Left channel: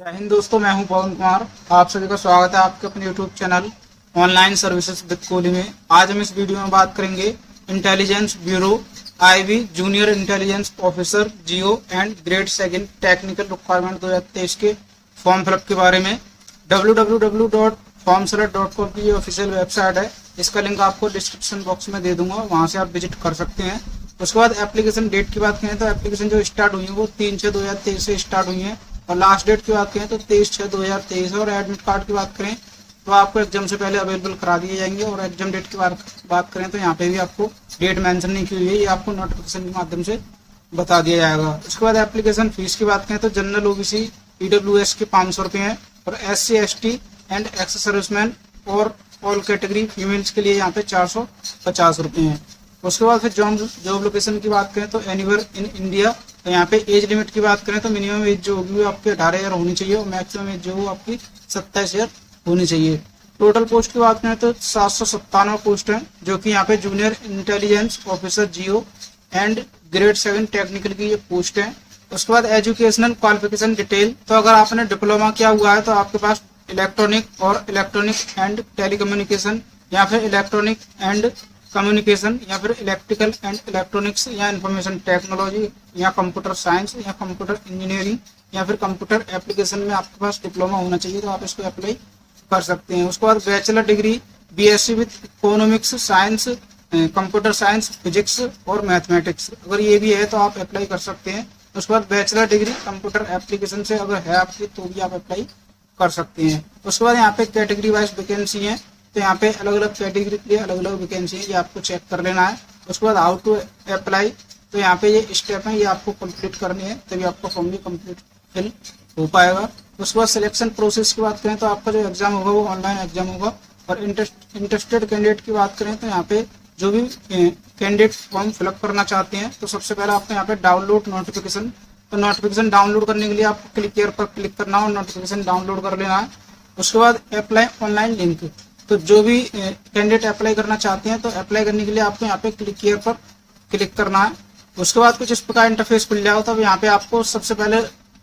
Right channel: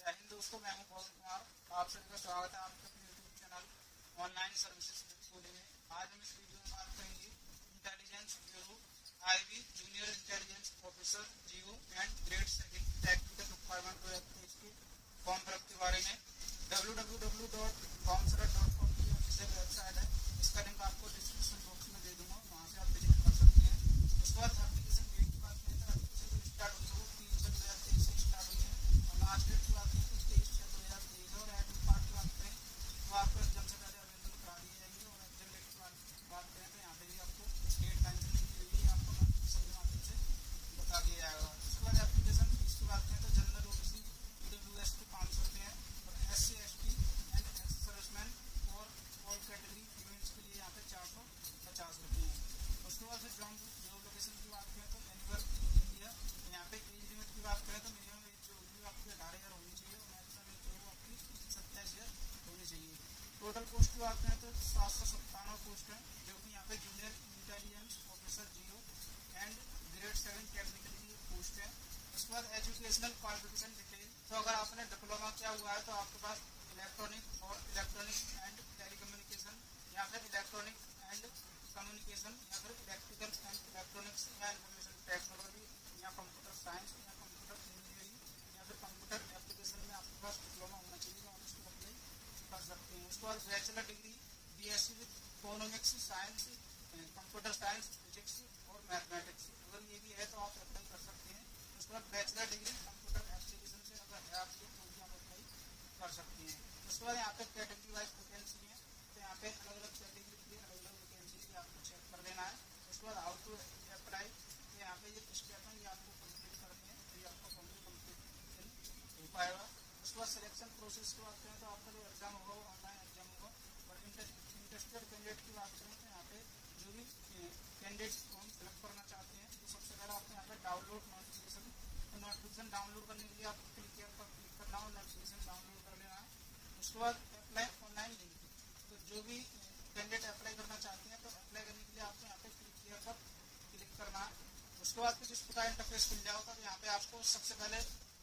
जय हिंद दोस्तों, मैं हूं पवन कुमार। आप सभी का स्वागत है आपके अपने YouTube channel online services with Kohli में। आज हम इस वीडियो में बात करेंगे intelligence bureau IB junior intelligence officer Jio and grade second technical requirement 2023 के फॉर्म फिलअप के बारे में। www.formselect.com की ये ऑफिशियल वेबसाइट है। इसका लिंक आपको डिस्क्रिप्शन बॉक्स में दे दूंगा, वहां से आप विजिट कर सकते हैं। उसके बाद एप्लीकेशन डेट की बात करें तो एप्लीकेशन जो स्टार्ट हुई है वो 3/6/2023 से स्टार्ट हुई है और लास्ट डेट की बात करें तो 23/6/2023 है। और एडमिट कार्ड की बात करें तो आपको एग्जाम से पहले अवेलेबल करा दिए जाएंगे। और एग्जाम डेट की बात करें तो यहाँ पे भी आपको डेट मेंशन नहीं की हुई है, ये आपको नोटिफिकेशन के माध्यम से बता दिया जाएगा। उसके बाद एप्लीकेशन फीस की बात करें तो जनरल ओबीसी ईडब्ल्यूएस के 500 रुपये हैं और SC ST and ex serviceman और ऑल कैटेगरी फीमेल्स के लिए यहाँ पे 450 रुपये हैं। उसके बाद फिर जॉब लोकेशन की बात करें तो एनीवेयर इन इंडिया। तो यहाँ पे एज लिमिट की बात करें तो मिनिमम एज जो होगी वो आपकी 18 ईयर होनी चाहिए और मैक्सिमम एज जो वो आपकी 27 ईयर होनी चाहिए। टोटल पोस्ट की बात करें तो 797 पोस्ट है, जो कि यहाँ पे junior intelligence officer Jio and grade 7 technical की ये पोस्ट है। उसके बाद एजुकेशनल क्वालिफिकेशन डिटेल, तो अगर आपने डिप्लोमा किया हुआ है तो आपके पास इलेक्ट्रॉनिक एंड टेलीकम्युनिकेशन या फिर इलेक्ट्रॉनिक एंड कम्युनिकेशन या फिर इलेक्ट्रिकल एंड इलेक्ट्रॉनिक्स या इंफॉर्मेशन टेक्नोलॉजी या कंप्यूटर साइंस या कंप्यूटर इंजीनियरिंग या फिर कंप्यूटर एप्लीकेशन में आपके पास डिप्लोमा होना चाहिए, तो आप इसको अप्लाई कर सकते हैं। उसके बाद bachelor degree BSc with economics science, computer science, physics और मैथमेटिक्स, अगर ये भी है तो आप अप्लाई कर सकते हैं। उसके बाद बैचलर डिग्री कंप्यूटर एप्लीकेशन से अगर है आपकी तो भी आप अप्लाई कर सकते हैं। उसके बाद यहाँ पे कैटेगरी वाइज वैकेंसी है, तो यहाँ पे अलग अलग कैटेगरी के लिए अलग अलग वैकेंसी है, ये आपको चेक कर लेना है। उसके बाद हाउ टू अप्लाई, तो यहाँ पे ये स्टेप है, ये आपको कंप्लीट करनी है, तभी आपका फॉर्म भी कंप्लीट फिल हो पाएगा। उसके बाद सिलेक्शन प्रोसेस की बात करें तो आपका जो एग्जाम होगा वो ऑनलाइन एग्जाम होगा। और इंटरेस्टेड कैंडिडेट की बात करें तो यहाँ पे जो भी कैंडिडेट फॉर्म फिलअप करना चाहते हैं तो सबसे पहले आपको यहाँ पे डाउनलोड नोटिफिकेशन, तो नोटिफिकेशन डाउनलोड करने के लिए आपको क्लिक हियर पर क्लिक करना है और नोटिफिकेशन डाउनलोड कर लेना है। उसके बाद अप्लाई ऑनलाइन लिंक, तो जो भी कैंडिडेट अप्लाई करना चाहते हैं तो अप्लाई करने के लिए आपको यहाँ पे क्लिक हियर पर क्लिक करना है। उसके बाद कुछ इस प्रकार इंटरफेस खुल जाएगा, तो यहाँ पे आपको सबसे पहले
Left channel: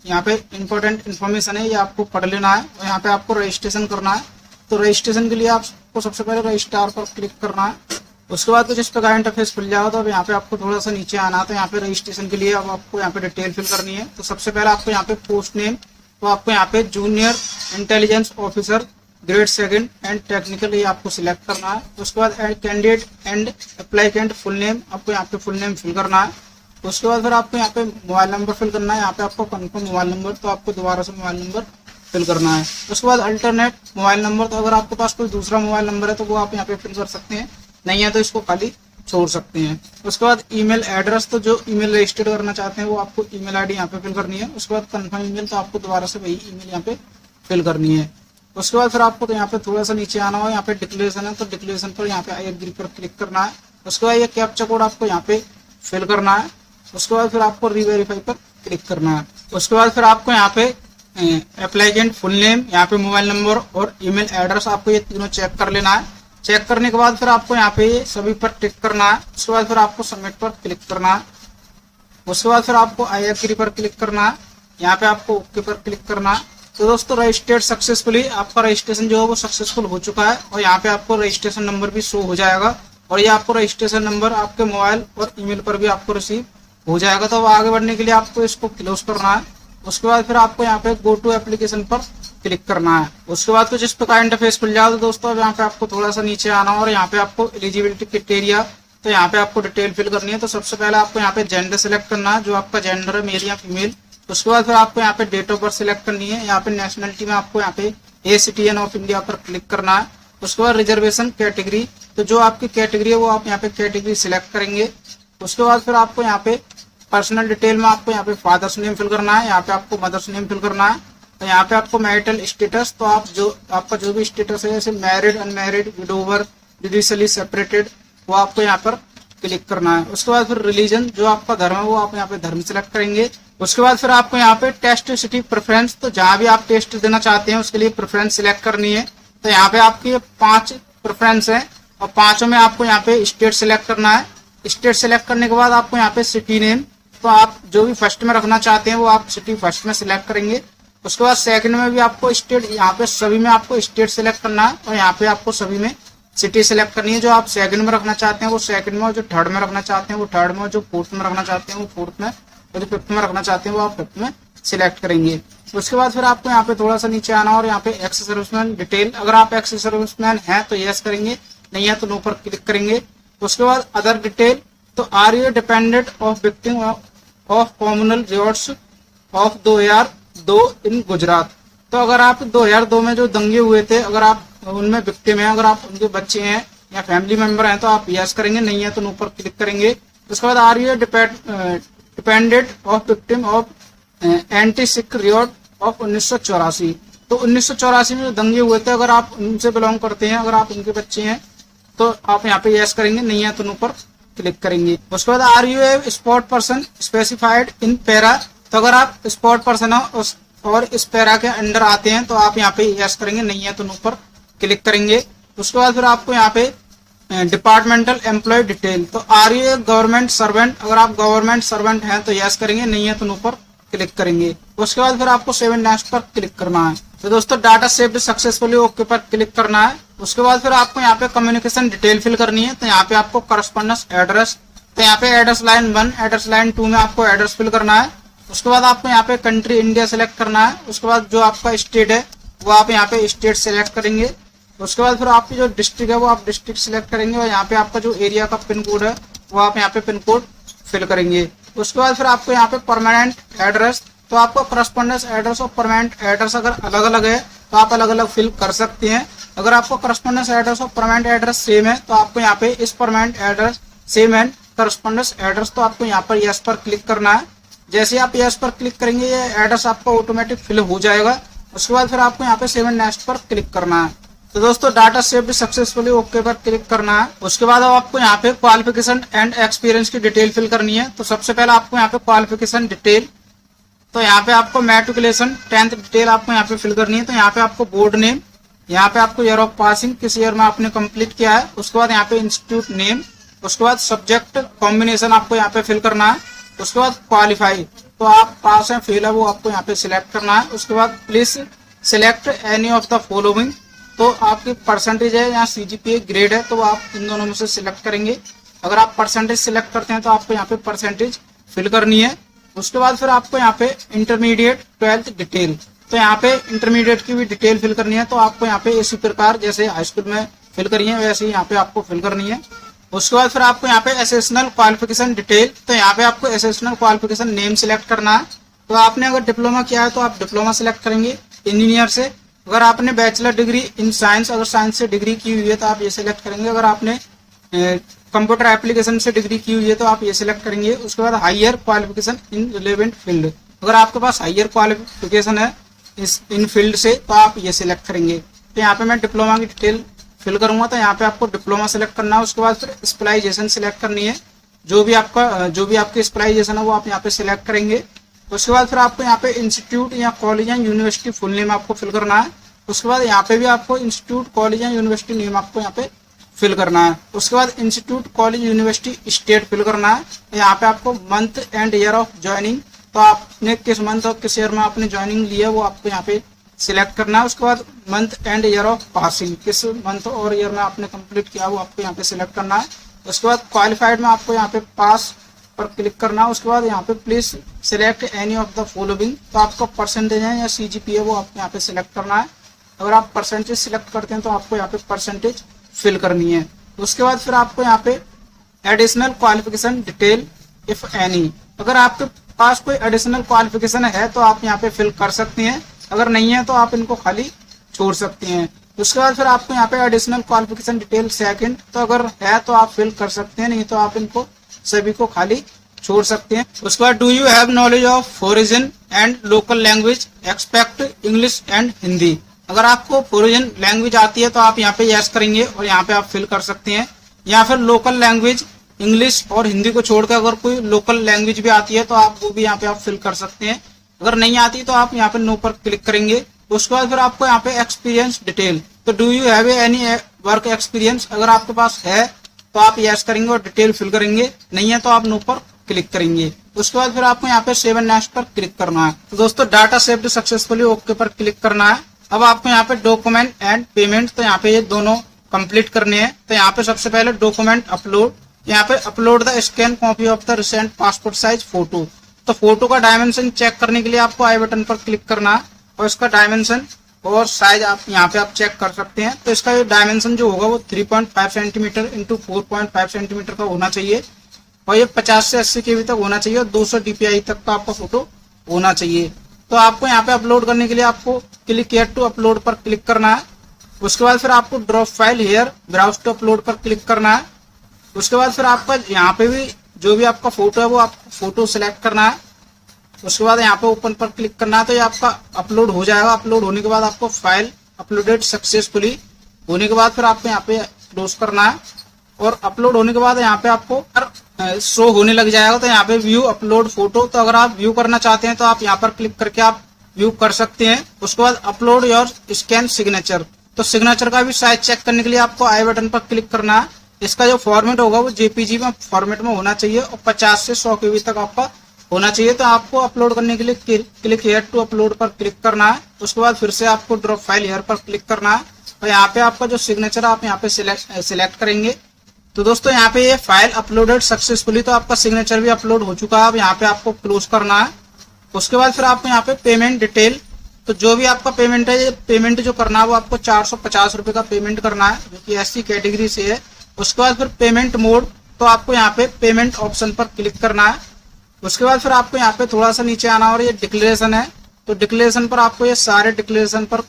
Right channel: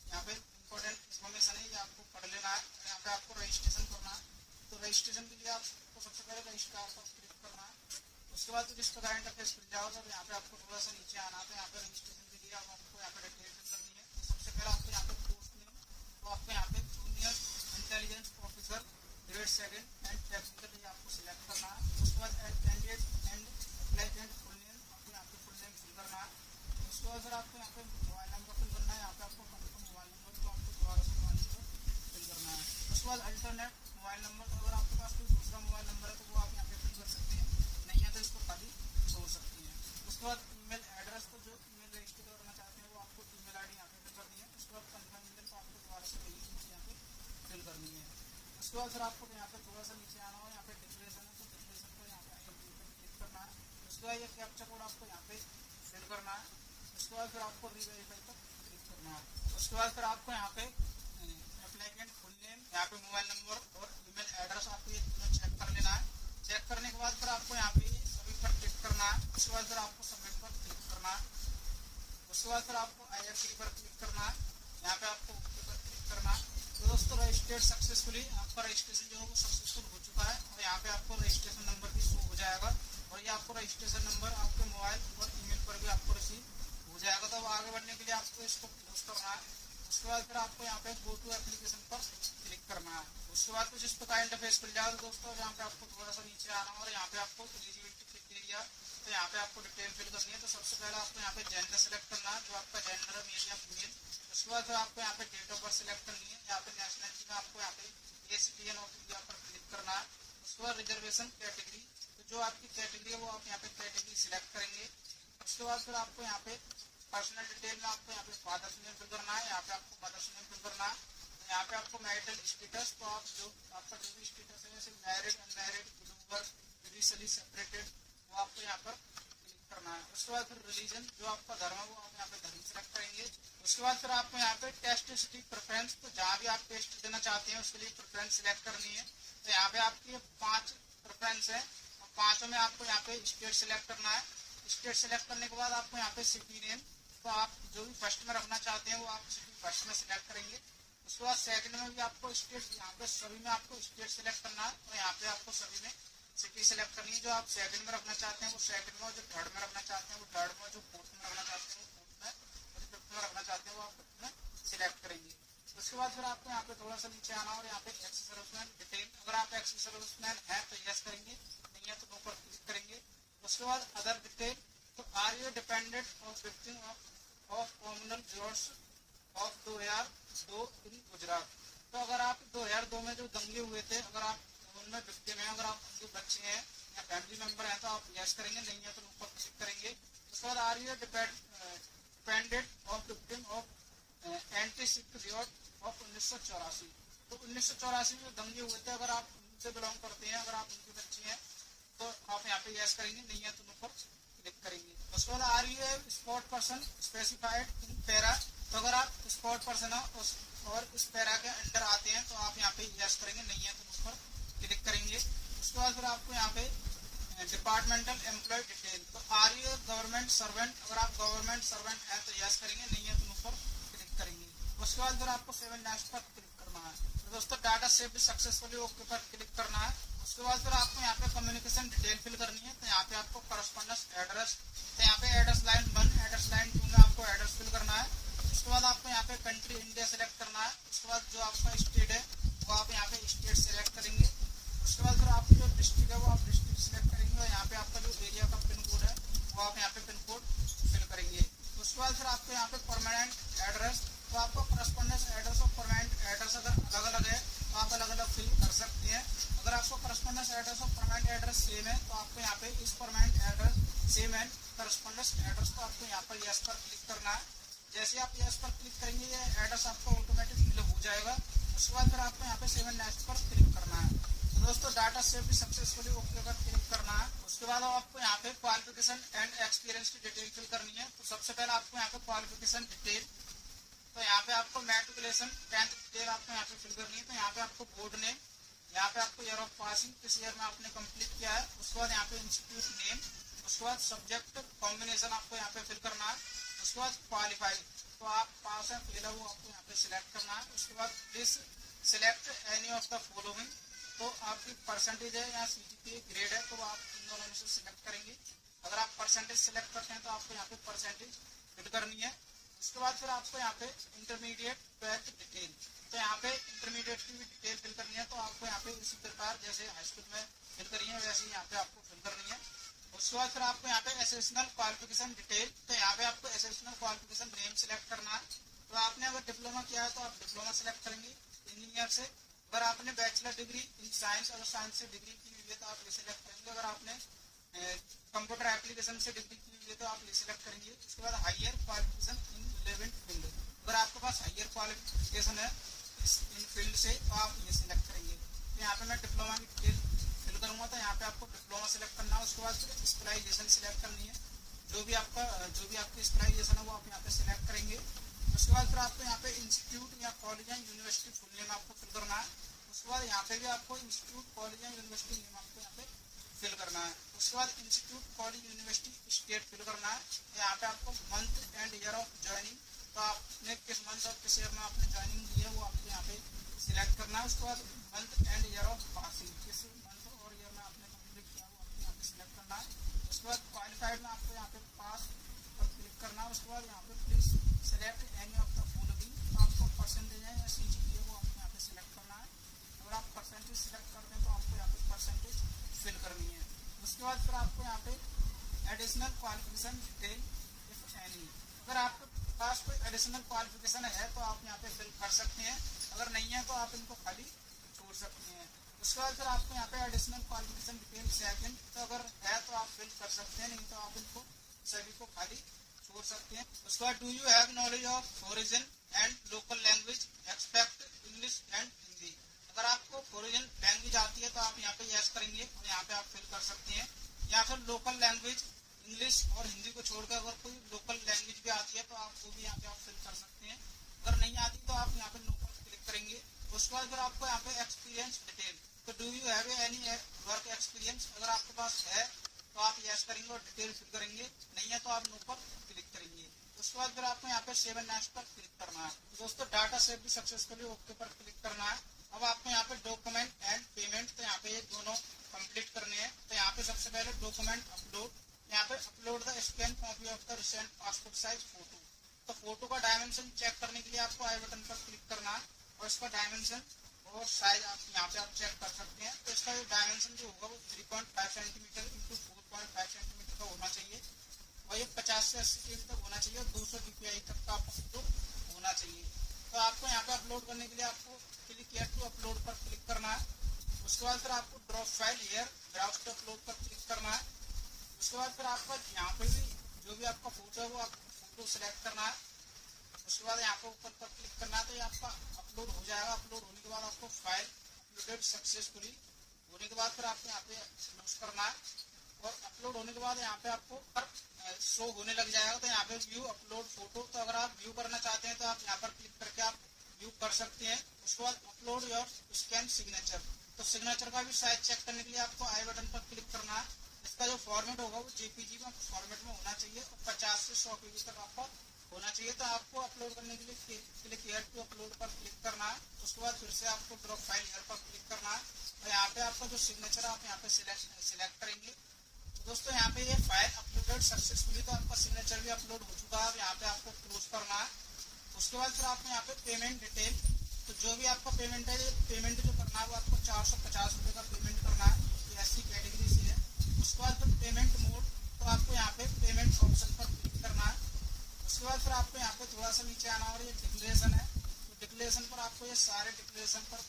यहाँ पे इंपॉर्टेंट इन्फॉर्मेशन है, ये आपको पढ़ लेना है और यहाँ पे आपको रजिस्ट्रेशन करना है। तो रजिस्ट्रेशन के लिए आपको सबसे पहले रजिस्ट्रार पर क्लिक करना है। उसके बाद कुछ इस प्रकार इंटरफेस खुल जाएगा, तो अब यहाँ पे आपको थोड़ा सा नीचे आना है। तो यहाँ पे रजिस्ट्रेशन के लिए अब आपको यहाँ पे डिटेल फिल करनी है। तो सबसे पहले आपको यहाँ पे पोस्ट नेम, तो आपको यहाँ पे junior intelligence officer grade 2 and technical ये आपको सिलेक्ट करना है। उसके बाद कैंडिडेट एंड अप्लाइकेंट फुल नेम, आपको यहाँ पे फुल नेम फिल करना है। उसके बाद फिर आपको यहाँ पे मोबाइल नंबर फिल करना है, यहाँ पे आपको कंफर्म मोबाइल नंबर, तो आपको दोबारा से मोबाइल नंबर फिल करना है। उसके बाद अल्टरनेट मोबाइल नंबर, तो अगर आपके पास कोई दूसरा मोबाइल नंबर है तो वो आप यहाँ पे फिल कर सकते हैं, नहीं है तो इसको खाली छोड़ सकते हैं। उसके बाद ईमेल एड्रेस, तो जो ईमेल रजिस्टर्ड करना चाहते हैं वो आपको ईमेल आईडी यहाँ पे फिल करनी है। उसके बाद कंफर्म ईमेल, तो आपको दोबारा से वही ईमेल यहाँ पे फिल करनी है। उसके बाद फिर आपको तो यहाँ पे थोड़ा सा नीचे आना हो, यहाँ पे डिक्लेरेशन है, तो डिक्लेरेशन पर यहाँ पे आई एग्री पर क्लिक करना है। उसके बाद ये कैप्चा कोड आपको यहाँ पे फिल करना है। उसके बाद फिर आपको रीवेरीफाई पर क्लिक करना है। उसके बाद फिर आपको यहाँ पे एप्लाइकेंट फुल नेम, यहाँ पे मोबाइल नंबर और ईमेल एड्रेस, आपको ये तीनों चेक कर लेना है। चेक करने के बाद फिर आपको यहाँ पे ये सभी पर टिक करना है। उसके बाद फिर आपको सबमिट पर क्लिक करना है। उसके बाद फिर आपको आई एग्री पर क्लिक करना है, यहाँ पे आपको ओके पर क्लिक करना है। तो दोस्तों रजिस्टर्ड सक्सेसफुली, आपका रजिस्ट्रेशन जो है वो सक्सेसफुल हो चुका है और यहाँ पे आपको रजिस्ट्रेशन नंबर भी शो हो जाएगा और ये आपको रजिस्ट्रेशन नंबर आपके मोबाइल और ईमेल पर भी आपको रिसीव हो जाएगा। तो अब आगे बढ़ने के लिए आपको इसको क्लोज करना है। उसके बाद फिर आपको यहाँ पे गो टू एप्लीकेशन पर क्लिक करना है। उसके बाद कुछ इस प्रकार इंटरफेस खुल जाएगा। तो दोस्तों अब यहाँ पे आपको थोड़ा सा नीचे आना और यहाँ पे आपको एलिजिबिलिटी क्राइटेरिया, तो यहाँ पे आपको डिटेल फिल करनी है। तो सबसे पहले आपको यहाँ पे जेंडर सिलेक्ट करना है, जो आपका जेंडर है मेल या फीमेल। उसके बाद फिर आपको यहाँ पे डेट ऑफ बर्थ सिलेक्ट करनी है। यहाँ पे नेशनलिटी में आपको यहाँ पे ए सिटीजन ऑफ इंडिया पर क्लिक करना है। उसके बाद रिजर्वेशन कैटेगरी, तो जो आपकी कैटेगरी है वो आप यहाँ पे कैटेगरी सिलेक्ट करेंगे। उसके बाद फिर आपको यहाँ पे पर्सनल डिटेल में आपको यहाँ पे फादर्स नेम फिल करना है, यहाँ पे आपको मदर्स नेम फिल करना है। तो यहाँ पे आपको मैरिटल स्टेटस, तो आप जो आपका जो भी स्टेटस है जैसे married, unmarried, widower, judicially separated, वो आपको यहाँ पर क्लिक करना है। उसके बाद फिर रिलीजन, जो आपका धर्म है वो आप यहाँ पे धर्म सिलेक्ट करेंगे। उसके बाद फिर आपको यहाँ पे टेस्ट सिटी प्रेफरेंस, तो जहाँ भी आप टेस्ट देना चाहते हैं उसके लिए प्रेफरेंस सिलेक्ट करनी है। तो यहाँ पे आपकी 5 प्रेफरेंस है और 5 में आपको यहाँ पे स्टेट सिलेक्ट करना है। स्टेट सिलेक्ट करने के बाद आपको यहाँ पे सिटी नेम, तो आप जो भी फर्स्ट में रखना चाहते हैं वो आप सिटी फर्स्ट में सिलेक्ट करेंगे। उसके बाद सेकंड में भी आपको स्टेट, यहाँ पे सभी में आपको स्टेट सिलेक्ट करना है और यहाँ पे आपको सभी में सिटी सिलेक्ट करनी है। जो आप सेकंड में रखना चाहते हैं वो सेकंड में, और जो थर्ड में रखना चाहते हैं वो थर्ड में, और जो फोर्थ में रखना चाहते हैं वो फोर्थ में, और जो फिफ्थ में रखना चाहते हैं वो आप फिफ्थ में सिलेक्ट करेंगे। उसके बाद फिर आपको यहाँ पे थोड़ा सा नीचे आना और यहाँ पे एक्स सर्विसमैन डिटेल, अगर आप एक्स सर्विसमैन हैं तो यस करेंगे, नहीं है तो नो पर क्लिक करेंगे। उसके बाद अदर डिटेल, तो are you dependent of victim of communal riots of 2002 in Gujarat, तो अगर आप 2002 में जो दंगे हुए थे अगर आप उनमें विक्टिम हैं, अगर आप उनके बच्चे हैं या फैमिली मेंबर हैं तो आप यस करेंगे, नहीं है तो नो पर क्लिक करेंगे। उसके बाद are you dependent of victim of anti Sikh riot of 1984, तो 1984 में जो दंगे हुए थे अगर आप उनसे बिलोंग करते हैं, अगर आप उनके बच्चे हैं तो आप यहाँ पे यस करेंगे, नहीं है तो नो पर क्लिक करेंगे। उसके बाद are you a spot person specified in para, तो अगर आप स्पॉट पर्सन हो और इस पैरा के अंडर आते हैं तो आप यहाँ पे यस करेंगे, नहीं है तो नो पर क्लिक करेंगे। उसके बाद फिर आपको यहाँ पे डिपार्टमेंटल एम्प्लॉय डिटेल, तो are you a government servant, अगर आप गवर्नमेंट सर्वेंट हैं तो यस करेंगे, नहीं है तो नो पर क्लिक करेंगे। उसके बाद फिर आपको सेव नेक्स्ट पर क्लिक करना है। तो दोस्तों डाटा सेव्ड सक्सेसफुली ओके पर क्लिक करना है। उसके बाद फिर आपको यहाँ पे कम्युनिकेशन डिटेल फिल करनी है, तो यहाँ पे आपको करस्पॉन्डेंस एड्रेस, तो यहाँ पे एड्रेस लाइन 1 एड्रेस लाइन 2 में आपको एड्रेस फिल करना है। उसके बाद आपको यहाँ पे कंट्री इंडिया सेलेक्ट करना है। उसके बाद जो आपका स्टेट है वो आप यहाँ पे स्टेट सेलेक्ट करेंगे। उसके बाद फिर आपकी जो डिस्ट्रिक्ट है वो आप डिस्ट्रिक्ट सिलेक्ट करेंगे और यहाँ पे आपका जो एरिया का पिन कोड है वो आप यहाँ पे पिन कोड फिल करेंगे। उसके बाद फिर आपको यहाँ पे परमानेंट एड्रेस, तो आपको करस्पॉन्डेंस एड्रेस और परमानेंट एड्रेस अगर अलग अलग है तो आप अलग अलग फिल कर सकते हैं। अगर आपको करस्पॉन्डेंस एड्रेस और परमानेंट एड्रेस सेम है तो आपको यहाँ पे इस permanent address same and correspondence address, तो आपको यहाँ पर यस पर क्लिक करना है। जैसे आप यस पर क्लिक करेंगे ये एड्रेस आपका ऑटोमेटिक फिल हो जाएगा। उसके बाद फिर आपको यहाँ पे सेव एंड नेक्स्ट पर क्लिक करना है। तो दोस्तों डाटा सेव्ड सक्सेसफुली ओके पर क्लिक करना है। उसके बाद अब आपको यहाँ पे क्वालिफिकेशन एंड एक्सपीरियंस की डिटेल फिल करनी है। तो सबसे पहले आपको यहाँ पे क्वालिफिकेशन डिटेल, तो यहाँ पे आपको मैट्रिकुलेशन 10th डिटेल आपको यहाँ पे फिल करनी है। तो यहाँ पे आपको बोर्ड नेम, यहाँ पे आपको ईयर ऑफ पासिंग किस ईयर में आपने कंप्लीट किया है, उसके बाद यहाँ पे इंस्टीट्यूट नेम, उसके बाद सब्जेक्ट कॉम्बिनेशन आपको यहाँ पे फिल करना है। उसके बाद क्वालिफाई, तो आप पास है फेल है वो आपको यहाँ पे सिलेक्ट करना है। उसके बाद please select any of the following, तो आपकी परसेंटेज है या सीजीपीए ग्रेड है तो आप इन दोनों में से सिलेक्ट करेंगे। अगर आप परसेंटेज सिलेक्ट करते हैं तो आपको यहाँ पे परसेंटेज फिल करनी है। उसके बाद फिर आपको यहाँ पे इंटरमीडिएट 12th डिटेल, तो यहाँ पे इंटरमीडिएट की भी डिटेल फिल करनी है। तो आपको यहाँ पे इसी प्रकार जैसे हाई स्कूल में फिल करी है वैसे ही यहाँ पे आपको फिल करनी है। उसके बाद फिर आपको यहाँ पे एसेशनल क्वालिफिकेशन डिटेल, तो यहाँ पे आपको एसेशनल क्वालिफिकेशन नेम सिलेक्ट करना है। तो आपने अगर डिप्लोमा किया है तो आप डिप्लोमा सिलेक्ट करेंगे इंजीनियर से। अगर आपने बैचलर डिग्री इन साइंस, अगर साइंस से डिग्री की हुई है तो आप ये सिलेक्ट करेंगे। अगर आपने कंप्यूटर एप्लीकेशन से डिग्री की हुई है तो आप ये सिलेक्ट करेंगे। उसके बाद higher qualification in relevant field, अगर आपके पास हायर क्वालिफिकेशन है इस इन फील्ड से तो आप ये सिलेक्ट करेंगे। तो यहाँ पे मैं डिप्लोमा की डिटेल फिल करूंगा, तो यहाँ पे आपको डिप्लोमा सिलेक्ट करना है। उसके बाद फिर स्पेशलाइजेशन सिलेक्ट करनी है, जो भी आपकी स्पेशलाइजेशन है वो आप यहाँ पे सिलेक्ट करेंगे। उसके बाद फिर आपको यहाँ पे इंस्टीट्यूट या कॉलेज या यूनिवर्सिटी फुल नेम आपको फिल करना है। उसके बाद यहाँ पे भी आपको इंस्टीट्यूट कॉलेज या यूनिवर्सिटी नेम आपको यहाँ पे फिल करना है। उसके बाद institute college university state fill करना है। यहाँ पे आपको month and year of joining, तो आपने किस मंथ और किस ईयर में आपने ज्वाइनिंग लिया वो आपको यहाँ पे सिलेक्ट करना है। उसके बाद month and year of passing, किस मंथ और ईयर में आपने कंप्लीट किया वो आपको यहाँ पे सिलेक्ट करना है। उसके बाद क्वालिफाइड में आपको यहाँ पे पास पर क्लिक करना है। उसके बाद यहाँ पे please select any of the following, तो आपका परसेंटेज है या सीजीपीए वो आपको यहाँ पे सिलेक्ट करना है। अगर आप परसेंटेज सिलेक्ट करते हैं तो आपको यहाँ पे परसेंटेज फिल करनी है। उसके बाद फिर आपको यहाँ पे additional qualification detail if any, अगर आपके पास कोई एडिशनल क्वालिफिकेशन है तो आप यहाँ पे फिल कर सकते हैं, अगर नहीं है तो आप इनको खाली छोड़ सकते हैं। उसके बाद फिर आपको यहाँ पे एडिशनल क्वालिफिकेशन डिटेल सेकंड, तो अगर है तो आप फिल कर सकते हैं, नहीं तो आप इनको सभी को खाली छोड़ सकते हैं। उसके बाद do you have knowledge of foreign and local language expect English and Hindi, अगर आपको फॉरेन लैंग्वेज आती है तो आप यहाँ पे यस करेंगे और यहाँ पे आप फिल कर सकते हैं। या फिर लोकल लैंग्वेज इंग्लिश और हिंदी को छोड़कर अगर कोई लोकल लैंग्वेज भी आती है तो आप वो भी यहाँ पे आप फिल कर सकते हैं। अगर नहीं आती तो आप यहाँ पे नो पर क्लिक करेंगे। उसके बाद फिर आपको यहाँ पे एक्सपीरियंस डिटेल, तो do you have any work experience, अगर आपके पास है तो आप यस करेंगे और डिटेल फिल करेंगे, नहीं है तो आप नो पर क्लिक करेंगे। उसके बाद फिर आपको यहाँ पे सेव एंड नेक्स्ट पर क्लिक करना है। तो दोस्तों डाटा सेव्ड सक्सेसफुली, ओके पर क्लिक करना है। अब आपको यहाँ पे डॉक्यूमेंट एंड पेमेंट, तो यहाँ पे ये दोनों कंप्लीट करने हैं। तो यहाँ पे सबसे पहले डॉक्यूमेंट अपलोड, यहाँ पे upload the scan copy of the recent passport size photo. तो फोटो का डायमेंशन चेक करने के लिए आपको आई बटन पर क्लिक करना है और इसका डायमेंशन और साइज आप यहाँ पे आप चेक कर सकते हैं। तो इसका डायमेंशन जो होगा वो 3.5 सेंटीमीटर इंटू 4.5 सेंटीमीटर का होना चाहिए और ये 50 से 80 KB तक होना चाहिए और 200 DPI तक का आपका फोटो होना चाहिए। तो आपको यहाँ पे अपलोड करने के लिए आपको क्लिक हियर टू अपलोड पर क्लिक करना है। उसके बाद फिर आपको drop file here browse to upload पर क्लिक करना है। उसके बाद फिर आपका यहाँ पे भी जो भी आपका फोटो है वो आपको फोटो सिलेक्ट करना है। उसके बाद यहाँ पे ओपन पर क्लिक करना है। तो ये आपका अपलोड हो जाएगा। अपलोड होने के बाद आपको फाइल अपलोडेड सक्सेसफुली होने के बाद फिर आपको यहाँ पे क्लोज करना है और अपलोड होने के बाद यहाँ पे आपको शो होने लग जाएगा। तो यहाँ पे व्यू अपलोड फोटो, तो अगर आप व्यू करना चाहते हैं तो आप यहाँ पर क्लिक करके आप व्यू कर सकते हैं। उसके बाद अपलोड योर स्कैन सिग्नेचर, तो सिग्नेचर का भी साइज चेक करने के लिए आपको आई बटन पर क्लिक करना है। इसका जो फॉर्मेट होगा वो JPG में फॉर्मेट में होना चाहिए और 50 से 100 KB तक आपका होना चाहिए। तो आपको अपलोड करने के लिए क्लिक हियर टू अपलोड पर क्लिक करना है। उसके बाद फिर से आपको ड्रॉप फाइल हियर पर क्लिक करना है और यहाँ पे आपका जो सिग्नेचर आप यहाँ पे सिलेक्ट करेंगे। तो दोस्तों यहाँ पे ये फाइल अपलोडेड सक्सेसफुली, तो आपका सिग्नेचर भी अपलोड हो चुका है। अब यहाँ पे आपको क्लोज करना है। उसके बाद फिर आपको यहाँ पे पेमेंट डिटेल, तो जो भी आपका पेमेंट है, ये पेमेंट जो करना है वो आपको 450 रुपए का पेमेंट करना है जो कि SC कैटेगरी से है। उसके बाद फिर पेमेंट मोड, तो आपको यहाँ पे पेमेंट ऑप्शन पर क्लिक करना है। उसके बाद फिर आपको यहाँ पे थोड़ा सा नीचे आना और ये डिक्लेरेशन है, तो डिक्लेरेशन पर आपको ये सारे डिक्लेरेशन पर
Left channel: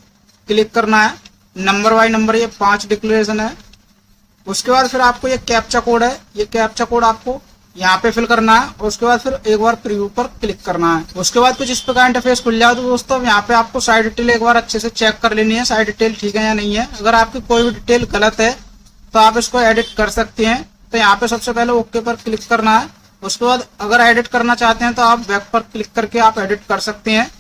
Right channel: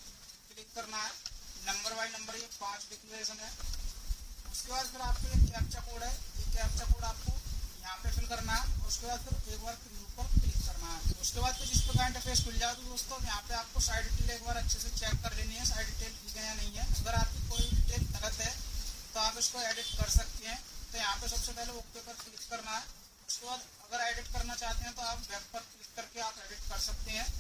क्लिक करना है। नंबर बाय नंबर ये 5 डिक्लेरेशन है। उसके बाद फिर आपको ये कैप्चा कोड है, ये कैप्चा कोड आपको यहाँ पे फिल करना है और उसके बाद फिर एक बार प्रीव्यू पर क्लिक करना है। उसके बाद कुछ इस प्रकार इंटरफेस खुल जाए। तो दोस्तों यहाँ पे आपको साइड डिटेल एक बार अच्छे से चेक कर लेनी है, साइड डिटेल ठीक है या नहीं है। अगर आपकी कोई भी डिटेल गलत है तो आप इसको एडिट कर सकते हैं। तो यहाँ पे सबसे पहले ओके पर क्लिक करना है। उसके बाद अगर एडिट करना चाहते हैं तो आप बैक पर क्लिक करके आप एडिट कर सकते हैं।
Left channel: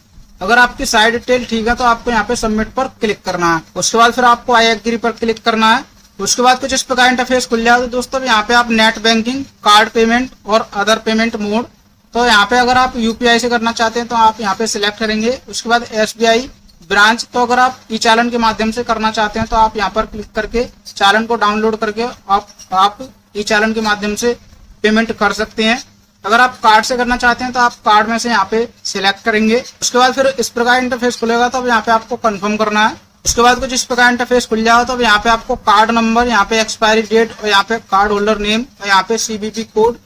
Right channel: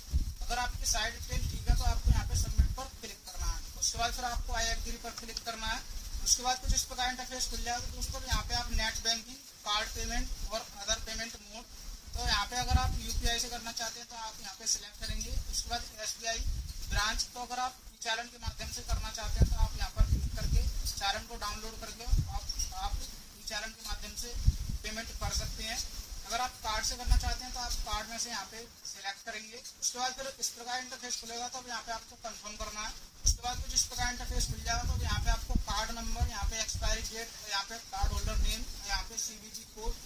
अगर आपकी साइड डिटेल ठीक है तो आपको यहाँ पे सबमिट पर क्लिक करना है। उसके बाद फिर आपको आई एग्री पर क्लिक करना है। उसके बाद कुछ इस प्रकार इंटरफेस खुल जाए। तो दोस्तों यहाँ पे आप नेट बैंकिंग, कार्ड पेमेंट और अदर पेमेंट मोड, तो यहाँ पे अगर आप UPI से करना चाहते हैं तो आप यहाँ पे सिलेक्ट करेंगे। उसके बाद SBI ब्रांच, तो अगर आप ई चालन के माध्यम से करना चाहते हैं तो आप यहाँ पर क्लिक करके चालन को डाउनलोड करके आप ई चालन के माध्यम से पेमेंट कर सकते हैं। अगर आप कार्ड से करना चाहते हैं तो आप कार्ड में से यहाँ पे सिलेक्ट करेंगे। उसके बाद फिर इस प्रकार इंटरफेस खुलेगा, तो अब यहाँ पे आपको कंफर्म करना है। उसके बाद कुछ इस प्रकार इंटरफेस खुल जाओ। तो अब यहाँ पे आपको कार्ड नंबर, यहाँ पे एक्सपायरी डेट और यहाँ पे कार्ड होल्डर नेम और यहाँ पे CVV कोड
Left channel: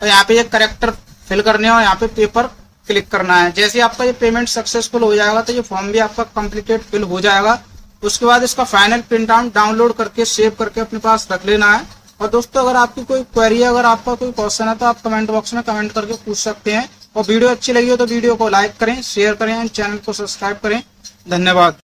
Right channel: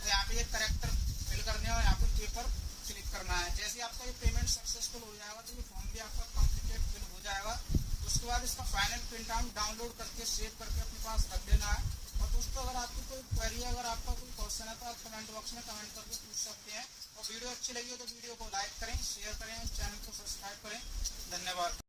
और यहाँ पे ये करेक्टर फिल करने और यहाँ पे पेपर क्लिक करना है। जैसे आपका ये पेमेंट सक्सेसफुल हो जाएगा तो ये फॉर्म भी आपका कंप्लीटेड फिल हो जाएगा। उसके बाद इसका फाइनल प्रिंट आउट डाउनलोड करके सेव करके अपने पास रख लेना है। और दोस्तों अगर आपकी कोई क्वेरी है, अगर आपका कोई क्वेश्चन है तो आप कमेंट बॉक्स में कमेंट करके पूछ सकते हैं। और वीडियो अच्छी लगी हो तो वीडियो को लाइक करें, शेयर करें, चैनल को सब्सक्राइब करें। धन्यवाद।